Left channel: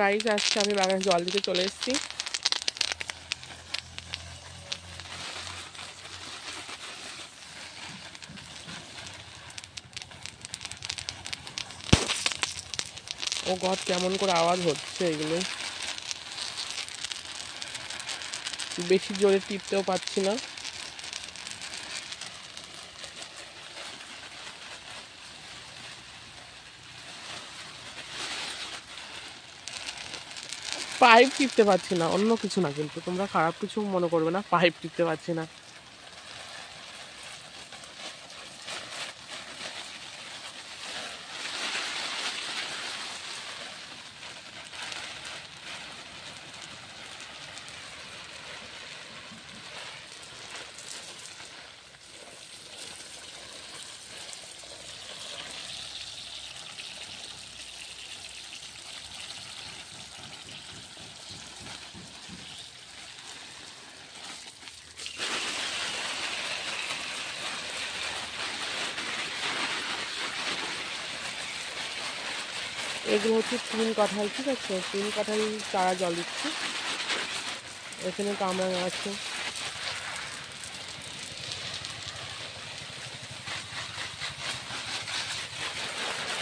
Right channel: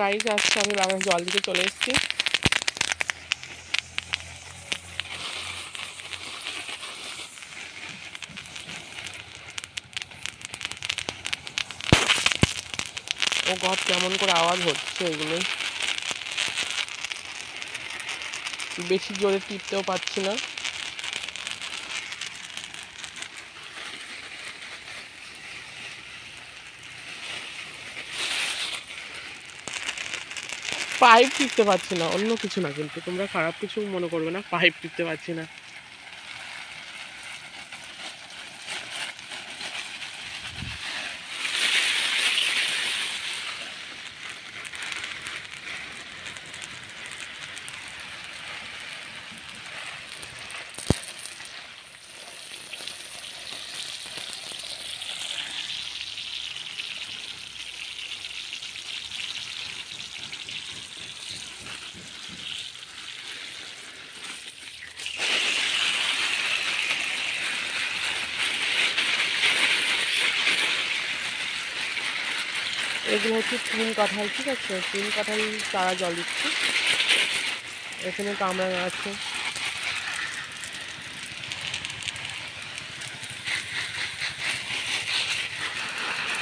গাইস আজকে আমি বাগানে জল দিতে চলে এসেছি। ও গড, কেমন করে আওয়াজ হচ্ছে এগুলো, বেশি জোরে টিপতেও পারছি না। পাইপ টিপতে পারছি না, অন্য কিছু না, কিন্তু তোমরা খারাপ কিছু মনে করবে না, পাইপ টিপতে পারছি না। এগুলো হচ্ছে তিন কাঁঠাল, ঠিক আছে, তিন কাঁঠাল চারা জল দিচ্ছি। এখানে কামরাঙা আছে।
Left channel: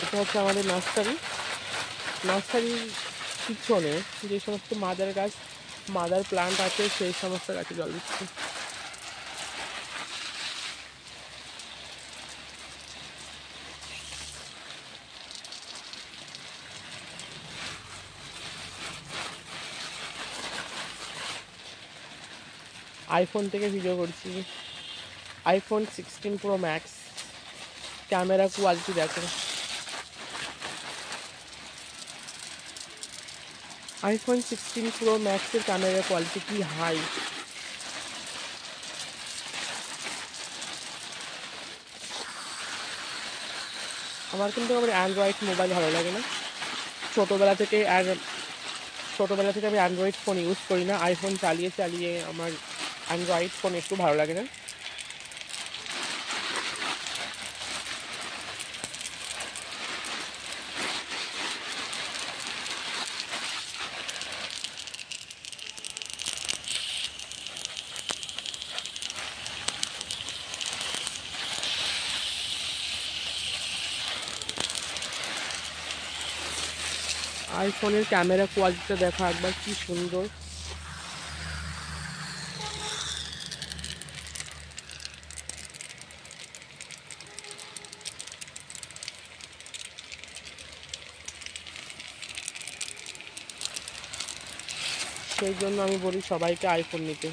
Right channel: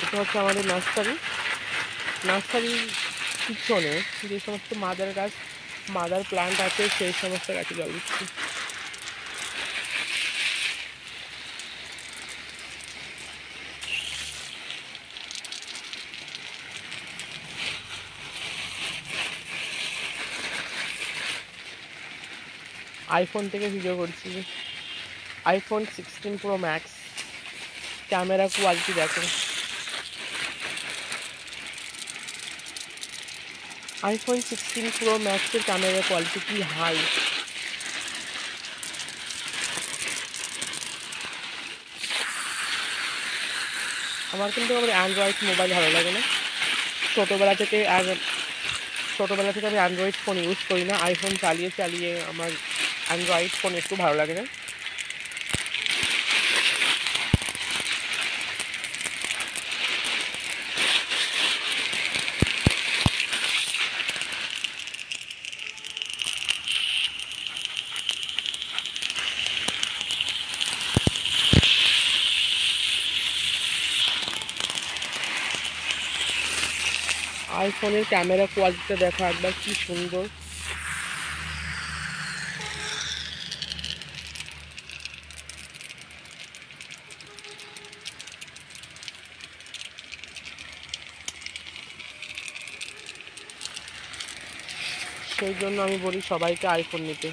এটা হচ্ছে আমাদের নার্সারির পিছনে যে সমস্ত মাদার গাছ, মাদার প্লান্ট আছে, সেই সমস্ত গাছে জল দিচ্ছি। আইফোন থেকে ভিডিও করছি, আইফোন 16 Pro Max। ক্যামেরা কোয়ালিটি দেখো, আইফোন 16 Pro Max এর ক্যামেরা কোয়ালিটি কি হাই। আমার কিন্তু আবার অ্যান্ড্রয়েড মোবাইল ভালো লাগে না। ছোটোবেলা থেকে আমি অ্যান্ড্রয়েড ফোন ইউজ করি না, আইফোন চালিয়ে চালিয়ে আমার অ্যান্ড্রয়েড ফোন একটু ভালো লাগে না। আইফোনের ক্যামেরা কোয়ালিটিটা দেখো একবার, কি সুন্দর। সেই জন্য আমি বলি সবাইকে আইফোন নিতে।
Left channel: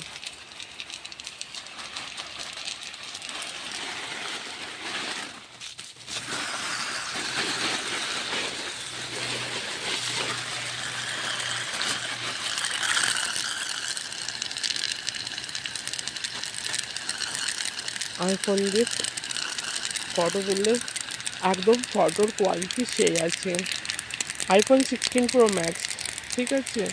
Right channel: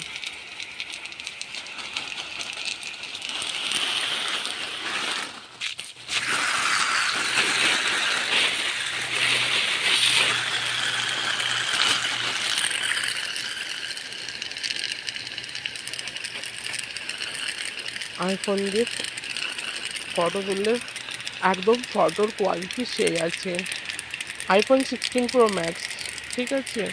আইফোন দিয়ে ফটো তুললে একদম ফটোর কোয়ালিটি সেই আছে। আইফোন 16 Pro Max, ঠিক আছে।